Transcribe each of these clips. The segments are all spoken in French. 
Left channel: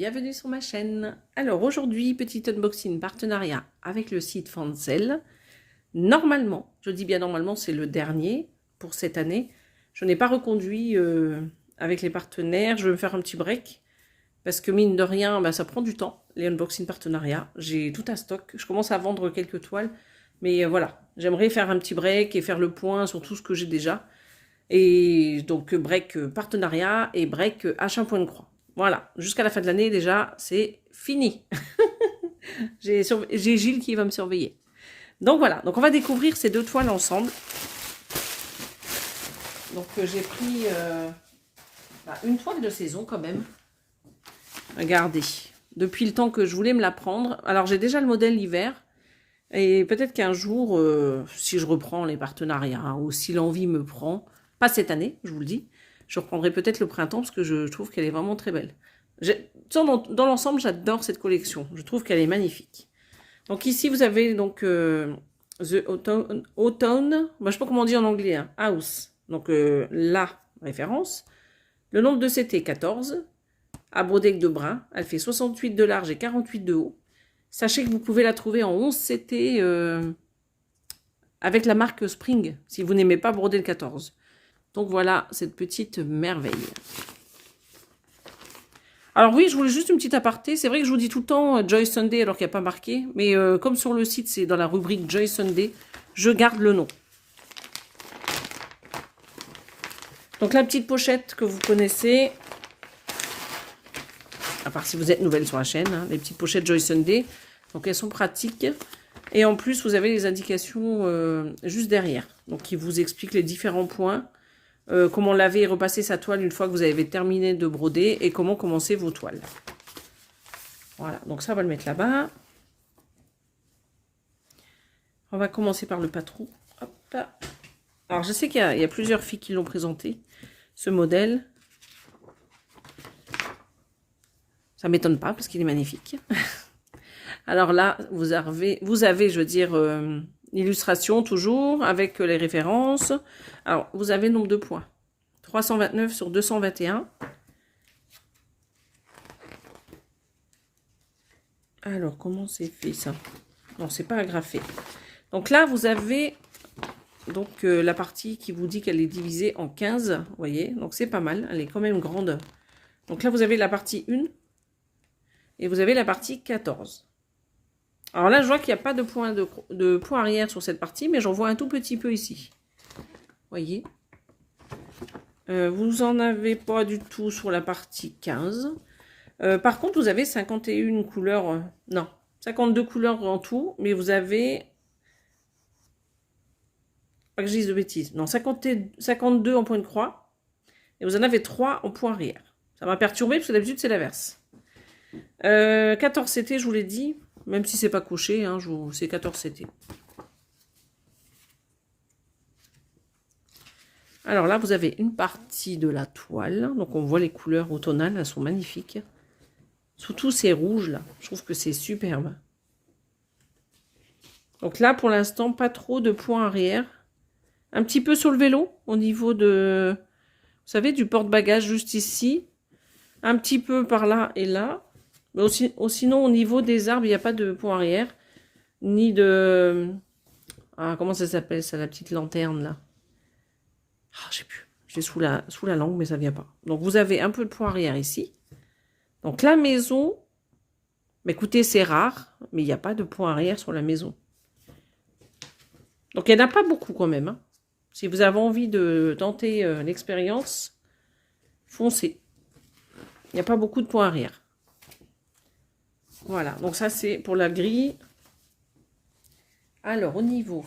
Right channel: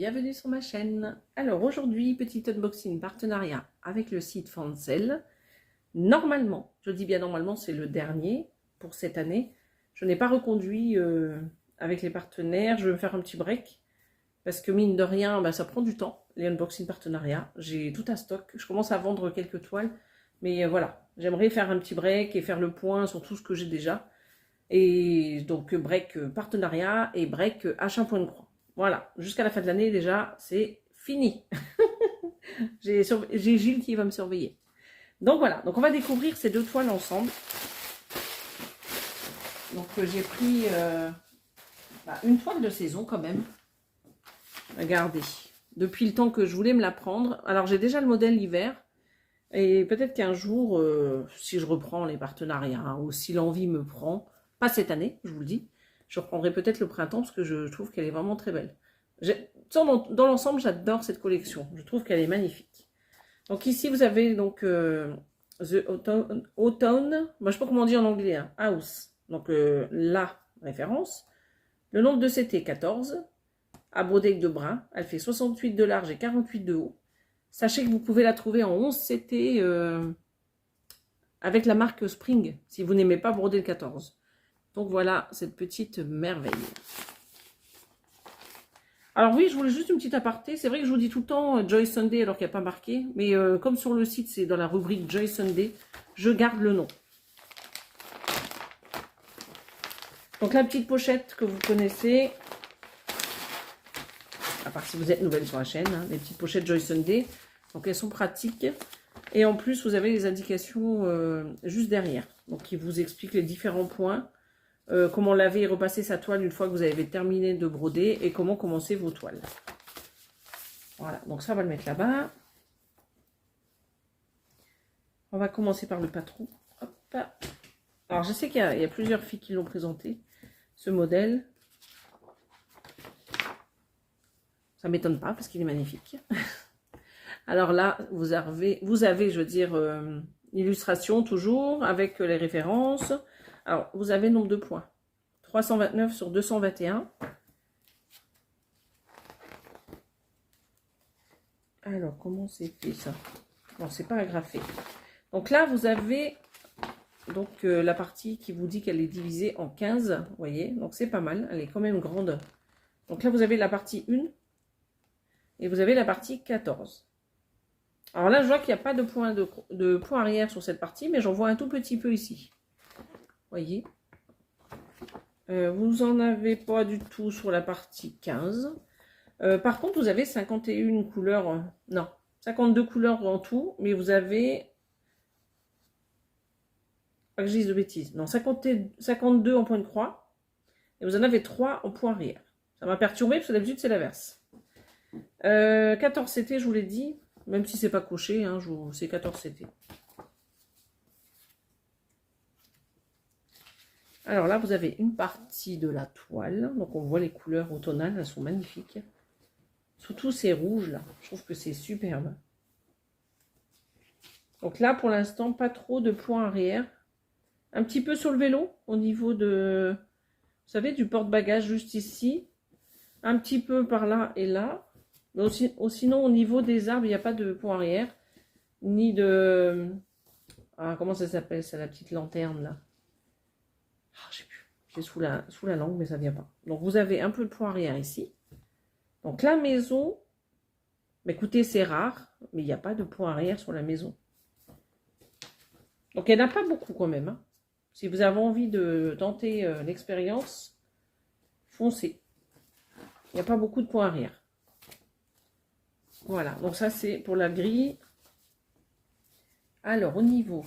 bienvenue sur ma chaîne. Alors aujourd'hui, petit unboxing partenariat avec le site Fancel. Normalement, je dis bien normalement, c'est le dernier pour cette année. Je n'ai pas reconduit avec les partenaires, je vais me faire un petit break. Parce que mine de rien, bah, ça prend du temps, les unboxing partenariats. J'ai tout un stock, je commence à vendre quelques toiles. Mais voilà, j'aimerais faire un petit break et faire le point sur tout ce que j'ai déjà. Et donc break partenariat et break achat point de croix. Voilà, jusqu'à la fin de l'année déjà, c'est fini. J'ai Gilles qui va me surveiller. Donc voilà, donc on va découvrir ces deux toiles ensemble. Donc j'ai pris une toile de saison quand même. Regardez, depuis le temps que je voulais me la prendre. Alors j'ai déjà le modèle hiver. Et peut-être qu'un jour, si je reprends les partenariats ou si l'envie me prend, pas cette année, je vous le dis, je reprendrai peut-être le printemps parce que je trouve qu'elle est vraiment très belle. Dans l'ensemble, j'adore cette collection. Je trouve qu'elle est magnifique. Donc ici, vous avez donc The Autumn, je ne sais pas comment dire en anglais, hein, House. Donc la référence. Le nombre de CT, 14. À broder de brun. Elle fait 68 de large et 48 de haut. Sachez que vous pouvez la trouver en 11 CT avec la marque Spring, si vous n'aimez pas broder le 14. Donc voilà cette petite merveille. Alors oui, je voulais juste une petite aparté. C'est vrai que je vous dis tout le temps Joy Sunday alors qu'il n'y a pas marqué. Mais comme sur le site, c'est dans la rubrique Joy Sunday, je garde le nom. Donc la petite pochette que vous connaissez, à part si vous êtes nouvelle sur la chaîne, hein, les petites pochettes Joy Sunday. Donc elles sont pratiques. Et en plus, vous avez les indications juste derrière. Donc qui vous expliquent les différents points. Comment laver et repasser sa toile une fois que vous avez terminé de broder. Et comment commencer vos toiles. Voilà, donc ça on va le mettre là-bas. On va commencer par le patron. Hop. Alors je sais qu'il y a plusieurs filles qui l'ont présenté. Ce modèle. Ça ne m'étonne pas parce qu'il est magnifique. Alors là, vous avez je veux dire, l'illustration toujours avec les références. Alors, vous avez le nombre de points. 329 sur 221. Alors, comment c'est fait ça? Non, c'est pas agrafé. Donc là, vous avez donc la partie qui vous dit qu'elle est divisée en 15. Vous voyez, donc c'est pas mal. Elle est quand même grande. Donc là, vous avez la partie 1. Et vous avez la partie 14. Alors là, je vois qu'il n'y a pas de point arrière sur cette partie, mais j'en vois un tout petit peu ici. Voyez. Vous n'en avez pas du tout sur la partie 15. Par contre, vous avez 51 couleurs. Non, 52 couleurs en tout, mais vous avez... Pas que je dise de bêtises. Non, 52 en point de croix. Et vous en avez 3 en point arrière. Ça m'a perturbé parce que d'habitude, c'est l'inverse. 14 CT, je vous l'ai dit. Même si c'est pas couché, hein, c'est 14 CT. Alors là, vous avez une partie de la toile. Donc on voit les couleurs automnales, elles sont magnifiques. Surtout ces rouges là, je trouve que c'est superbe. Donc là, pour l'instant, pas trop de points arrière. Un petit peu sur le vélo, au niveau de, vous savez, du porte-bagages juste ici. Un petit peu par là et là. Mais aussi, sinon, au niveau des arbres, il n'y a pas de point arrière. Ni de... Ah, comment ça s'appelle ça, la petite lanterne là? Ah, je sais plus. J'ai sous la langue, mais ça ne vient pas. Donc, vous avez un peu de point arrière ici. Donc, la maison... Mais écoutez, c'est rare, mais il n'y a pas de point arrière sur la maison. Donc, il n'y en a pas beaucoup quand même. Hein. Si vous avez envie de tenter l'expérience, foncez. Il n'y a pas beaucoup de points arrière. Voilà, donc ça c'est pour la grille. Alors au niveau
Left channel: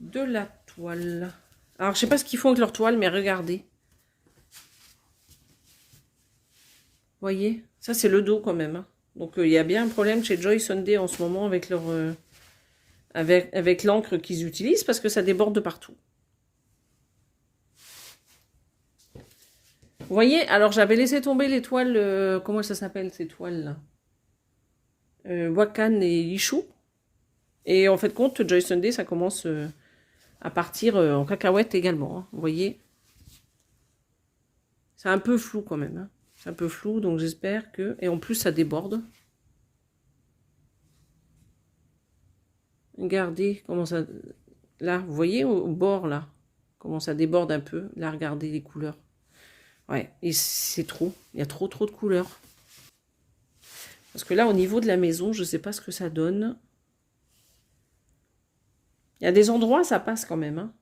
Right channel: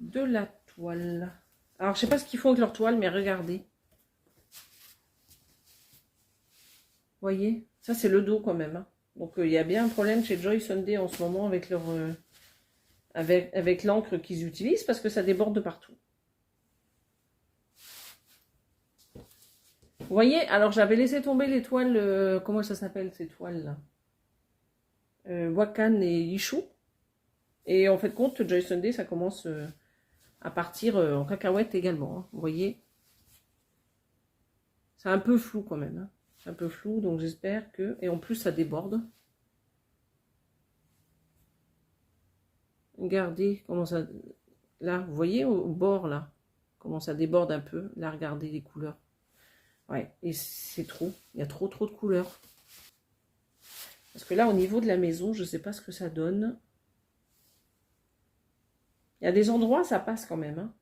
de la toile. Alors je sais pas ce qu'ils font avec leur toile, mais regardez. Voyez, ça c'est le dos quand même. Hein. Donc il y a bien un problème chez Joy Sunday en ce moment avec leur avec l'encre qu'ils utilisent parce que ça déborde de partout. Vous voyez, alors j'avais laissé tomber les toiles, comment ça s'appelle ces toiles là, Wakan et Ichou. Et en fait compte, Joy Sunday, ça commence à partir en cacahuète également. Hein, vous voyez, C'est un peu flou quand même. Hein. C'est un peu flou, donc j'espère que... Et en plus, ça déborde. Regardez comment ça... Là, vous voyez au bord, là, comment ça déborde un peu. Là, regardez les couleurs. Ouais, et c'est trop. Il y a trop de couleurs. Parce que là, au niveau de la maison, je ne sais pas ce que ça donne. Il y a des endroits, ça passe quand même. Hein.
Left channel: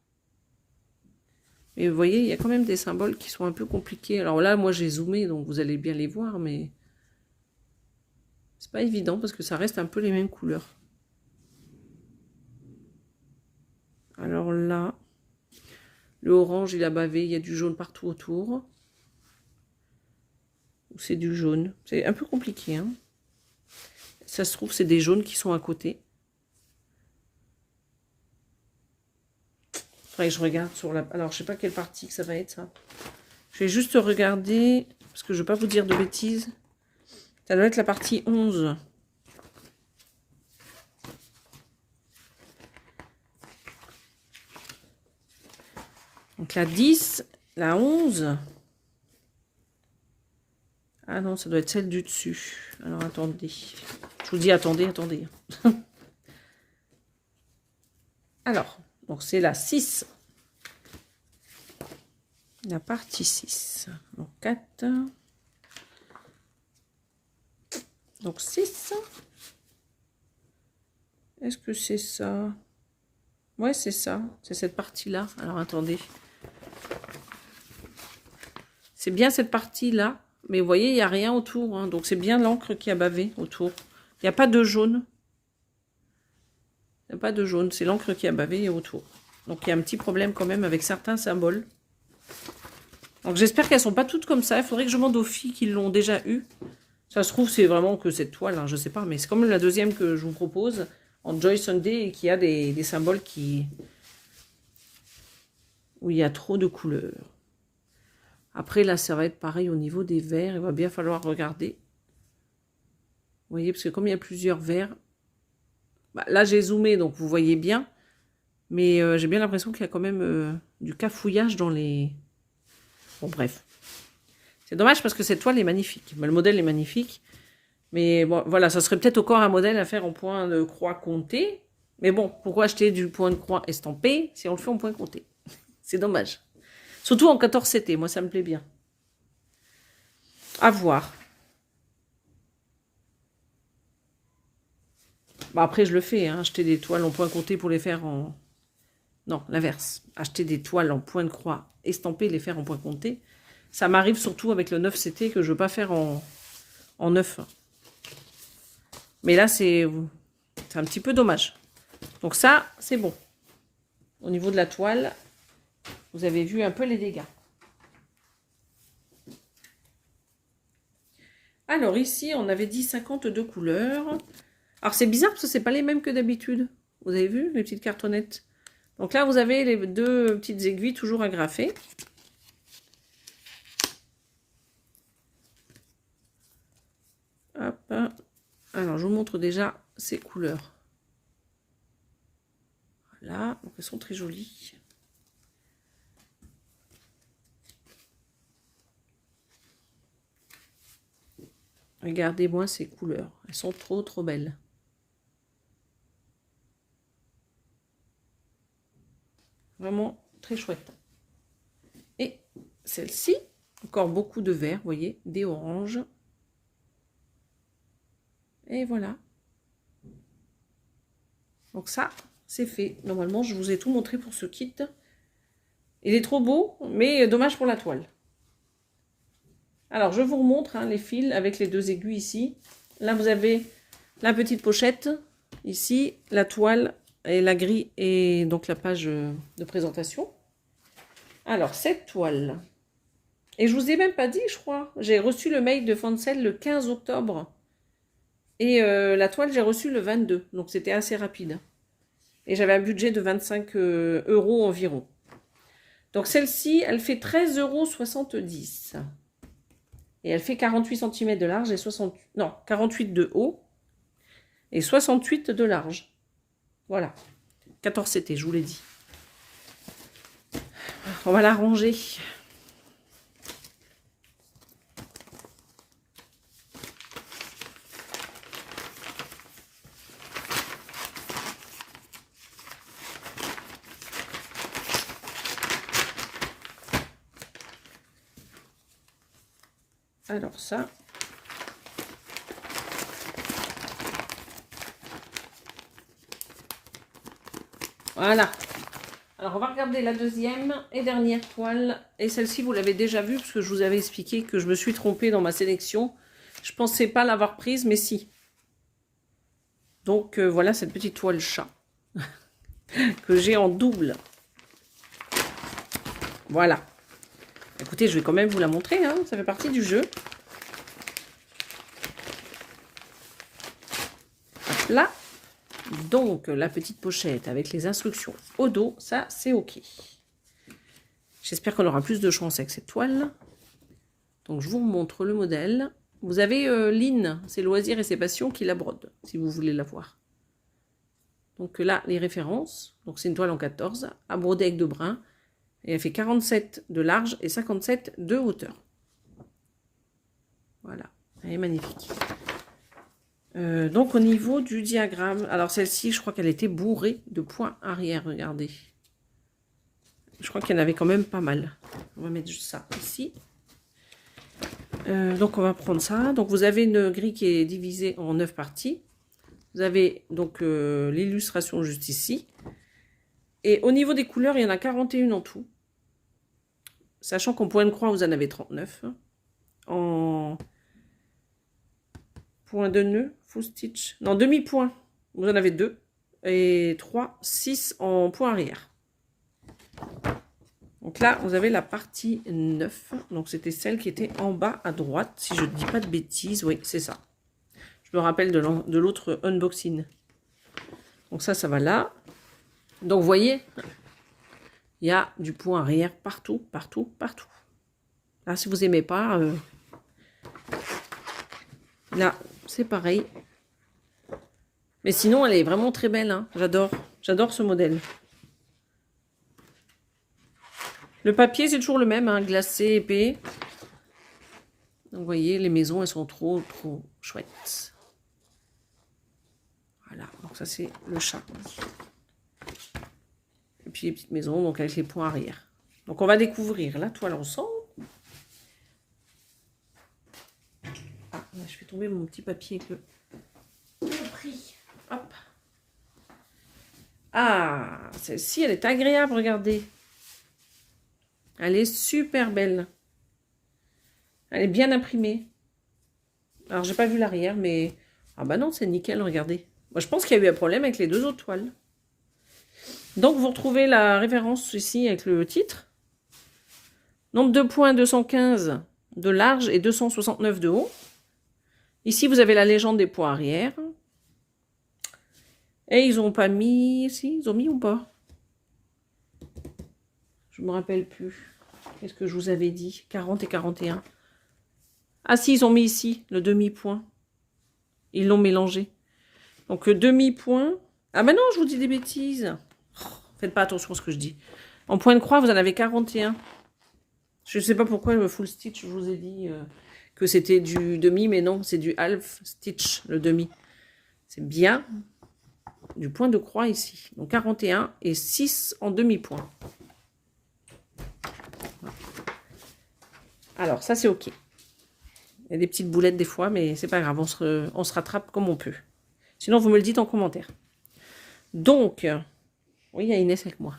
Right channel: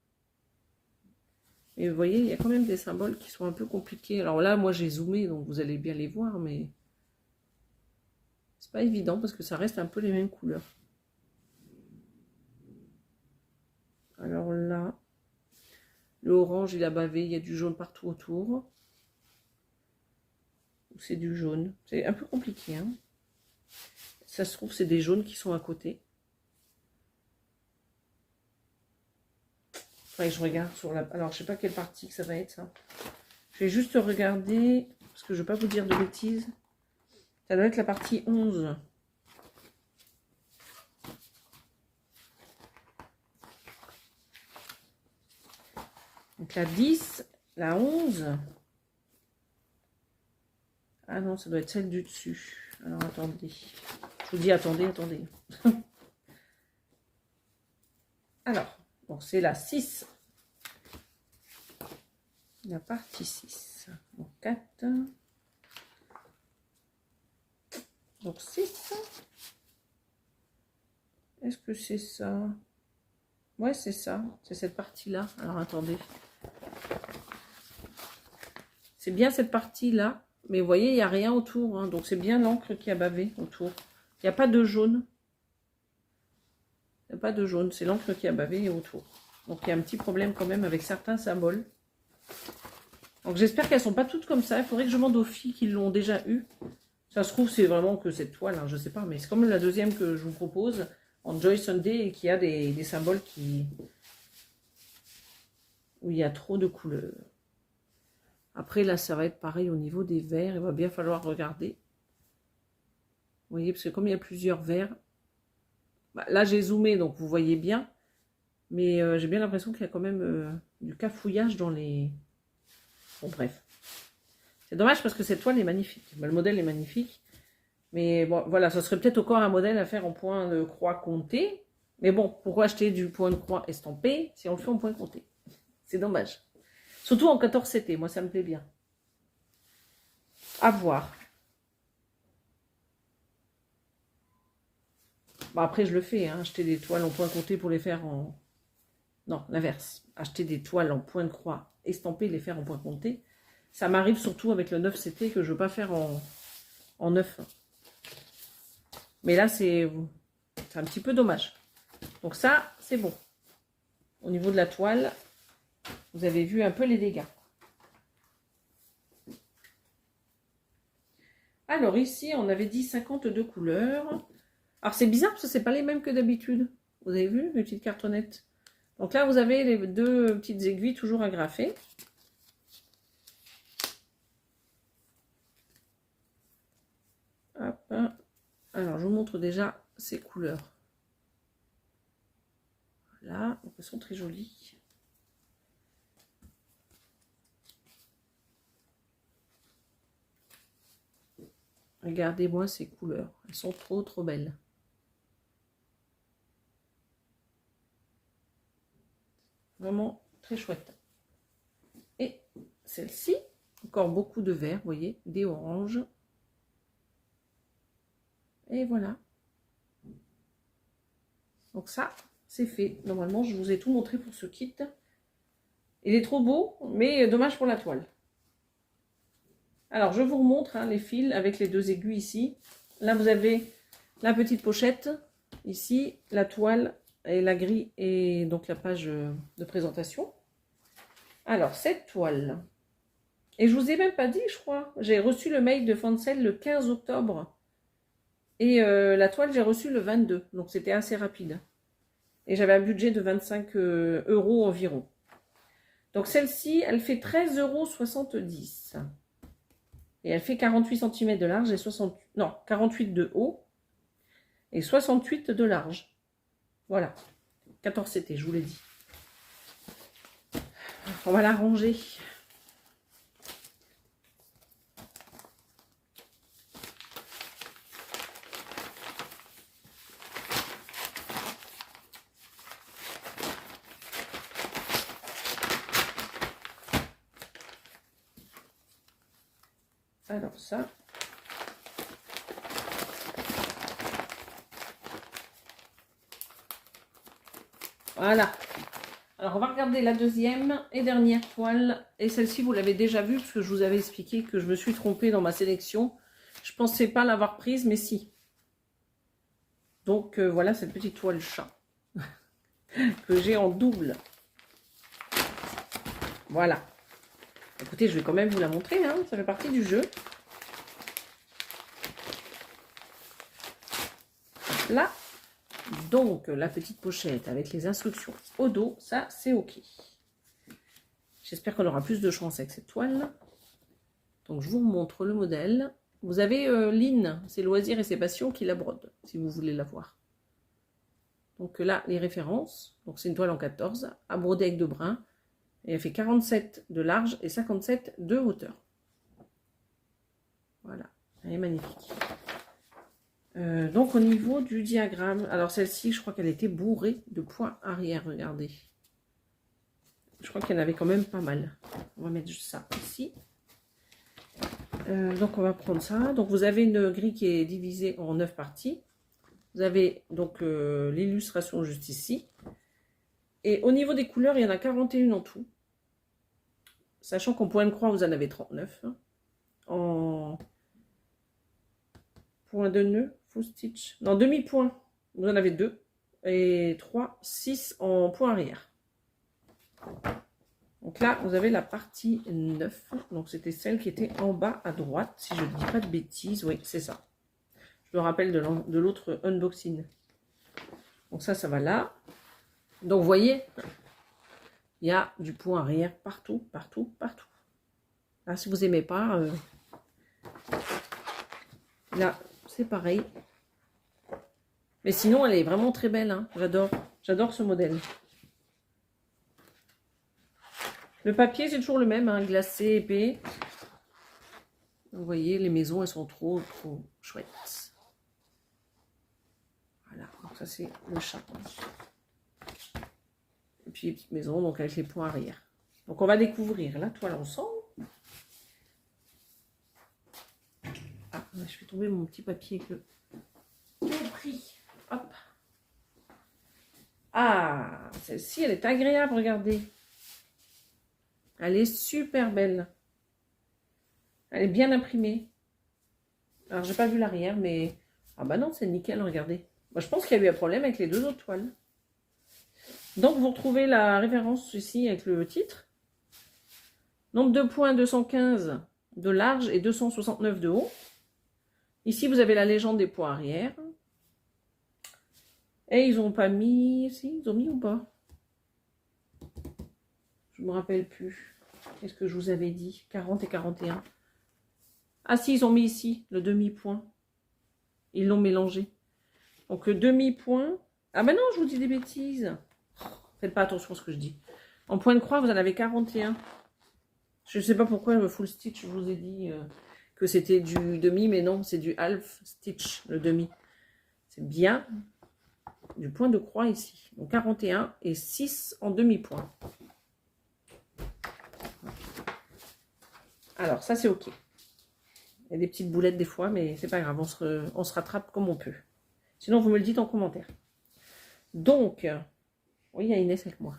Mais vous voyez, il y a quand même des symboles qui sont un peu compliqués. Alors là, moi, j'ai zoomé, donc vous allez bien les voir, mais... C'est pas évident parce que ça reste un peu les mêmes couleurs. Alors là, le orange, il a bavé, il y a du jaune partout autour. C'est du jaune. C'est un peu compliqué. Hein. Ça se trouve, c'est des jaunes qui sont à côté. Faudrait que je regarde sur la... Alors, je sais pas quelle partie que ça va être, ça. Je vais juste regarder, parce que je ne veux pas vous dire de bêtises. Ça doit être la partie 11. Donc la 10, la 11. Ah non, ça doit être celle du dessus. Alors attendez. Je vous dis attendez. Alors, donc c'est la 6. La partie 6. Donc 4. Donc 6. Est-ce que c'est ça? Ouais, c'est ça. C'est cette partie-là. Alors attendez. C'est bien cette partie-là. Mais vous voyez, il n'y a rien autour. Hein. Donc c'est bien l'encre qui a bavé autour. Il n'y a pas de jaune. Il n'y a pas de jaune. C'est l'encre qui a bavé autour. Donc il y a un petit problème quand même avec certains symboles. Donc j'espère qu'elles ne sont pas toutes comme ça. Il faudrait que je demande aux filles qui l'ont déjà eu. Ça se trouve, c'est vraiment que cette toile. Hein, je ne sais pas. Mais c'est comme la deuxième que je vous propose. En Joy Sunday. Et qui a des symboles qui... où il y a trop de couleurs. Après, là, ça va être pareil au niveau des verts. Il va bien falloir regarder. Vous voyez, parce que comme il y a plusieurs verts, bah, là, j'ai zoomé, donc vous voyez bien. Mais j'ai bien l'impression qu'il y a quand même du cafouillage dans les... Bon, bref. C'est dommage parce que cette toile est magnifique. Bah, le modèle est magnifique. Mais bon, voilà, ça serait peut-être encore un modèle à faire en point de croix compté. Mais bon, pourquoi acheter du point de croix estampé si on le fait en point compté? C'est dommage. Surtout en 14 CT, moi ça me plaît bien. À voir. Bah après je le fais, hein, acheter des toiles en point compté pour les faire en... Non, l'inverse. Acheter des toiles en point de croix estampées, les faire en point compté. Ça m'arrive surtout avec le 9 CT que je ne veux pas faire en 9. Mais là c'est un petit peu dommage. Donc ça, c'est bon. Au niveau de la toile, vous avez vu un peu les dégâts. Alors ici, on avait dit 52 couleurs. Alors c'est bizarre parce que ce n'est pas les mêmes que d'habitude. Vous avez vu les petites cartonnettes? Donc là, vous avez les deux petites aiguilles toujours agrafées. Hop. Alors je vous montre déjà ces couleurs. Voilà, donc elles sont très jolies. Regardez-moi ces couleurs. Elles sont trop belles. Vraiment très chouette. Et celle-ci, encore beaucoup de vert, vous voyez, des oranges. Et voilà. Donc ça, c'est fait. Normalement, je vous ai tout montré pour ce kit. Il est trop beau, mais dommage pour la toile. Alors, je vous remontre hein, les fils avec les deux aiguilles ici. Là, vous avez la petite pochette. Ici, la toile et la grille et donc la page de présentation. Alors, cette toile. Et je vous ai même pas dit, je crois. J'ai reçu le mail de Fancel le 15 octobre. Et la toile, j'ai reçu le 22. Donc, c'était assez rapide. Et j'avais un budget de 25 € environ. Donc, celle-ci, elle fait 13,70 €. Et elle fait 48 cm de large et 48 de haut et 68 de large. Voilà. 14 CT, je vous l'ai dit. On va la ranger. Alors ça. Voilà. Alors, on va regarder la deuxième et dernière toile. Et celle-ci, vous l'avez déjà vue, parce que je vous avais expliqué que je me suis trompée dans ma sélection. Je ne pensais pas l'avoir prise, mais si. Donc, voilà cette petite toile chat que j'ai en double. Voilà. Écoutez, je vais quand même vous la montrer, hein. Ça fait partie du jeu. Hop là. Donc, la petite pochette avec les instructions au dos, ça, c'est OK. J'espère qu'on aura plus de chance avec cette toile. Donc, je vous montre le modèle. Vous avez Lynn, c'est Loisirs et ses passions, qui la brode, si vous voulez la voir. Donc là, les références. Donc, c'est une toile en 14, à broder avec de brun. Et elle fait 47 de large et 57 de hauteur. Voilà, elle est magnifique. Donc, au niveau du diagramme, alors celle-ci, je crois qu'elle était bourrée de points arrière, regardez. Je crois qu'il y en avait quand même pas mal. On va mettre juste ça ici. Donc, on va prendre ça. Donc, vous avez une grille qui est divisée en 9 parties. Vous avez donc l'illustration juste ici. Et au niveau des couleurs, il y en a 41 en tout. Sachant qu'en point de croix, vous en avez 39. En point de nœud, full stitch. Non, demi-point, vous en avez 2. Et 3, 6 en point arrière. Donc là, vous avez la partie 9. Donc c'était celle qui était en bas à droite, si je ne dis pas de bêtises. Oui, c'est ça. Je me rappelle de l'autre unboxing. Donc ça va là. Donc vous voyez, il y a du point arrière partout, partout, partout. Là, si vous n'aimez pas, là, c'est pareil. Mais sinon, elle est vraiment très belle. Hein. J'adore ce modèle. Le papier, c'est toujours le même, hein, glacé, épais. Donc, vous voyez, les maisons, elles sont trop chouettes. Voilà, donc ça, c'est le chat. Et puis, les petites maisons, donc avec les points arrière. Donc, on va découvrir la toile ensemble. Ah, je fais tomber mon petit papier que j'ai pris. Hop. Ah, celle-ci, elle est agréable, regardez. Elle est super belle. Elle est bien imprimée. Alors, j'ai pas vu l'arrière, mais... Ah bah non, c'est nickel, regardez. Moi, je pense qu'il y a eu un problème avec les deux autres toiles. Donc, vous retrouvez la référence ici avec le titre. Nombre de points, 215 de large et 269 de haut. Ici, vous avez la légende des points arrière. Et ils n'ont pas mis... Si, ils ont mis ou pas? Je ne me rappelle plus. Qu'est-ce que je vous avais dit? 40 et 41. Ah si, ils ont mis ici le demi-point. Ils l'ont mélangé. Donc, demi-point. Ah ben non, je vous dis des bêtises. Oh, faites pas attention à ce que je dis. En point de croix, vous en avez 41. Je ne sais pas pourquoi le full stitch, je vous ai dit que c'était du demi, mais non, c'est du half stitch, le demi. C'est bien du point de croix ici. Donc 41 et 6 en demi-point. Alors, ça, c'est OK. Il y a des petites boulettes des fois, mais c'est pas grave, on se rattrape comme on peut. Sinon, vous me le dites en commentaire. Donc, oui, il y a Inès avec moi.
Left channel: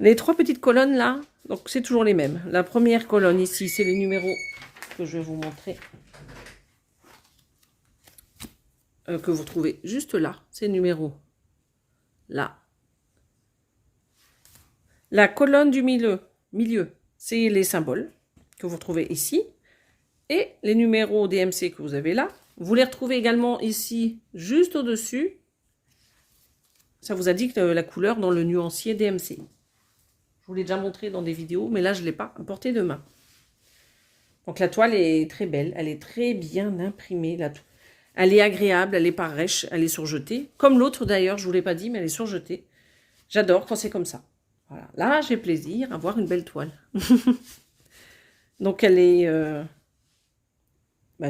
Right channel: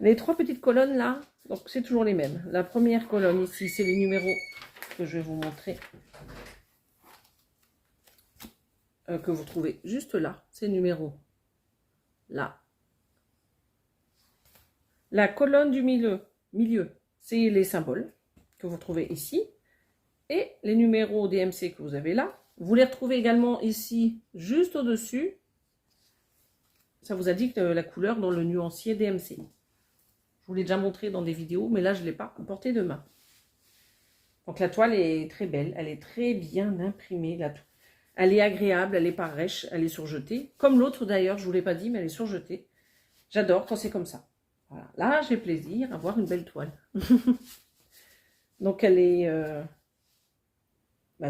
Les 3 petites colonnes là, donc c'est toujours les mêmes. La première colonne ici, c'est les numéros que je vais vous montrer. Que vous trouvez juste là, ces numéros là. La colonne du milieu, c'est les symboles que vous retrouvez ici. Et les numéros DMC que vous avez là, vous les retrouvez également ici, juste au-dessus. Ça vous indique la couleur dans le nuancier DMC. Je vous l'ai déjà montré dans des vidéos, mais là, je ne l'ai pas porté de main. Donc, la toile est très belle. Elle est très bien imprimée. Elle est agréable, elle n'est pas rêche, elle est surjetée. Comme l'autre, d'ailleurs, je ne vous l'ai pas dit, mais elle est surjetée. J'adore quand c'est comme ça. Voilà. Là, j'ai plaisir à voir une belle toile. Donc, elle est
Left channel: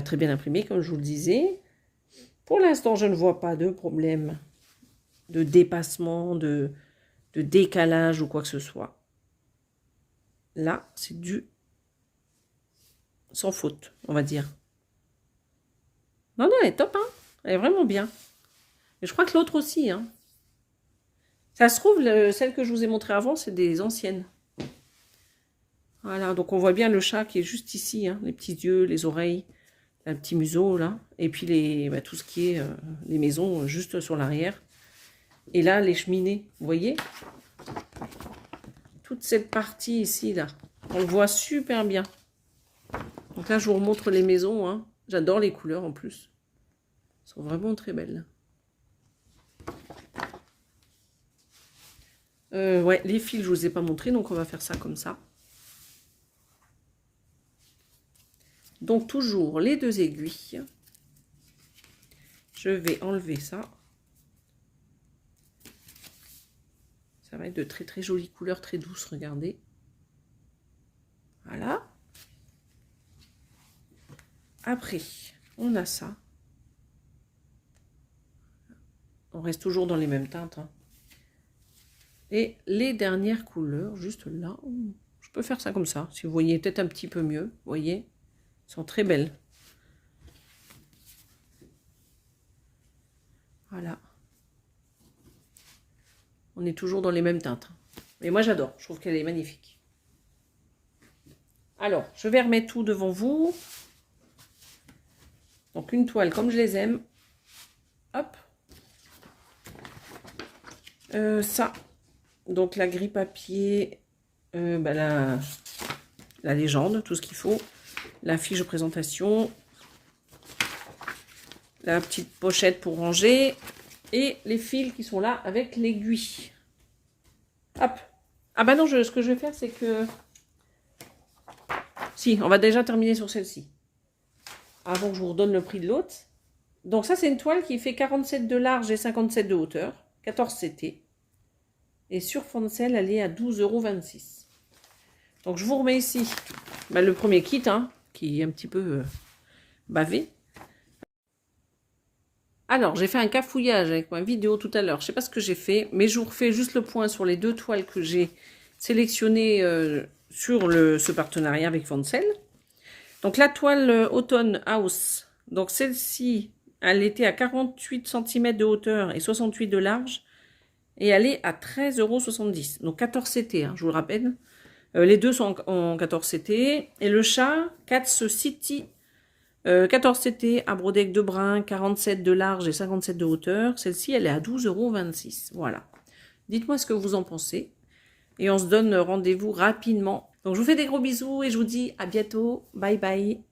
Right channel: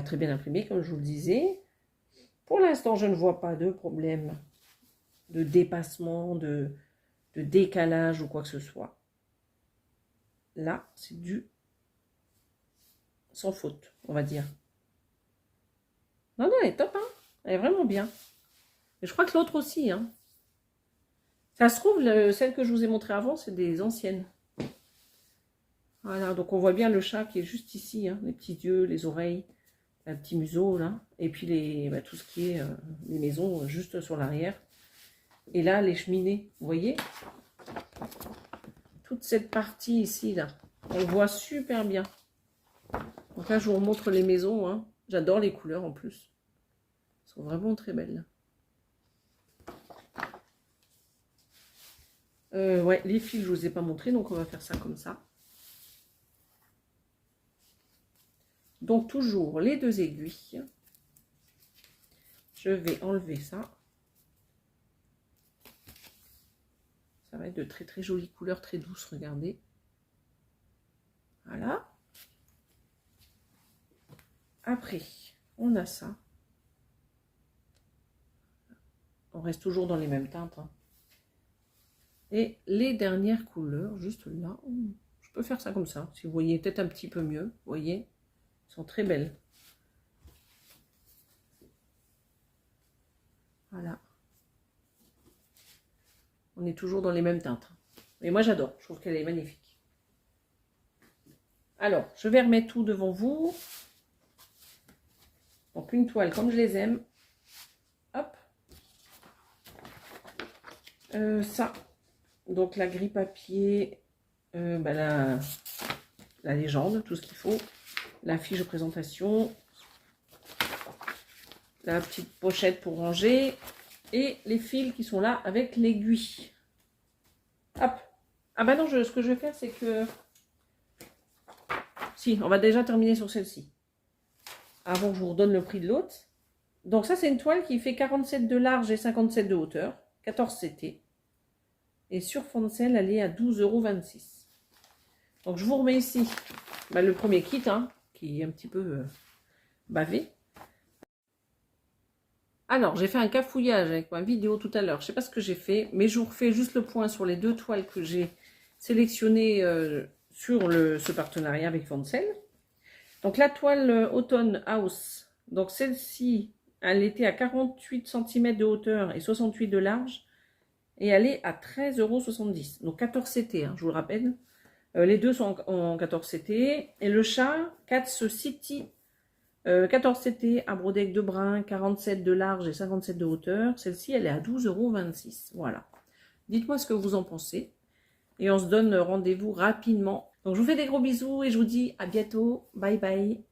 très bien imprimée, comme je vous le disais. Pour l'instant, je ne vois pas de problème de dépassement, de décalage ou quoi que ce soit. Là, c'est du sans faute, on va dire. Non, non, elle est top, hein. Elle est vraiment bien. Et je crois que l'autre aussi, hein. Ça se trouve, celle que je vous ai montrée avant, c'est des anciennes. Voilà, donc on voit bien le chat qui est juste ici, hein, les petits yeux, les oreilles, un petit museau, là. Et puis tout ce qui est les maisons juste sur l'arrière. Et là, les cheminées, vous voyez? Toute cette partie ici, là, on le voit super bien. Donc là, je vous remontre les maisons, hein. J'adore les couleurs en plus. Elles sont vraiment très belles. Ouais, les fils, je ne vous ai pas montré, donc on va faire ça comme ça. Donc toujours les 2 aiguilles. Je vais enlever ça. Ça va être de très très jolies couleurs, très douces, regardez. Voilà. Après, on a ça. On reste toujours dans les mêmes teintes, hein. Et les dernières couleurs, juste là. Je peux faire ça comme ça, si vous voyez peut-être un petit peu mieux. Vous voyez, elles sont très belles. Voilà. On est toujours dans les mêmes teintes. Mais moi, j'adore. Je trouve qu'elle est magnifique. Alors, je vais remettre tout devant vous. Donc, une toile comme je les aime. Hop. Ça. Donc, la grille papier. La légende, tout ce qu'il faut. La fiche de présentation. La petite pochette pour ranger. Et les fils qui sont là avec l'aiguille. Hop. Ah bah non, ce que je vais faire, c'est que... Si, on va déjà terminer sur celle-ci. Avant que je vous redonne le prix de l'autre. Donc ça, c'est une toile qui fait 47 de large et 57 de hauteur. 14 CT. Et sur Foncel, elle est à 12,26 €. Donc je vous remets ici le premier kit, hein, qui est un petit peu bavé. Alors, j'ai fait un cafouillage avec ma vidéo tout à l'heure. Je ne sais pas ce que j'ai fait, mais je vous refais juste le point sur les 2 toiles que j'ai sélectionnées sur ce partenariat avec Foncel. Donc, la toile Automne House, donc celle-ci, elle était à 48 cm de hauteur et 68 de large. Et elle est à 13,70 €. Donc, 14 CT, hein, je vous le rappelle. Les deux sont en 14 CT. Et le chat, Cats City, 14 CT à brodeque de brun, 47 de large et 57 de hauteur. Celle-ci, elle est à 12,26 €. Voilà. Dites-moi ce que vous en pensez. Et on se donne rendez-vous rapidement. Donc, je vous fais des gros bisous et je vous dis à bientôt. Bye bye.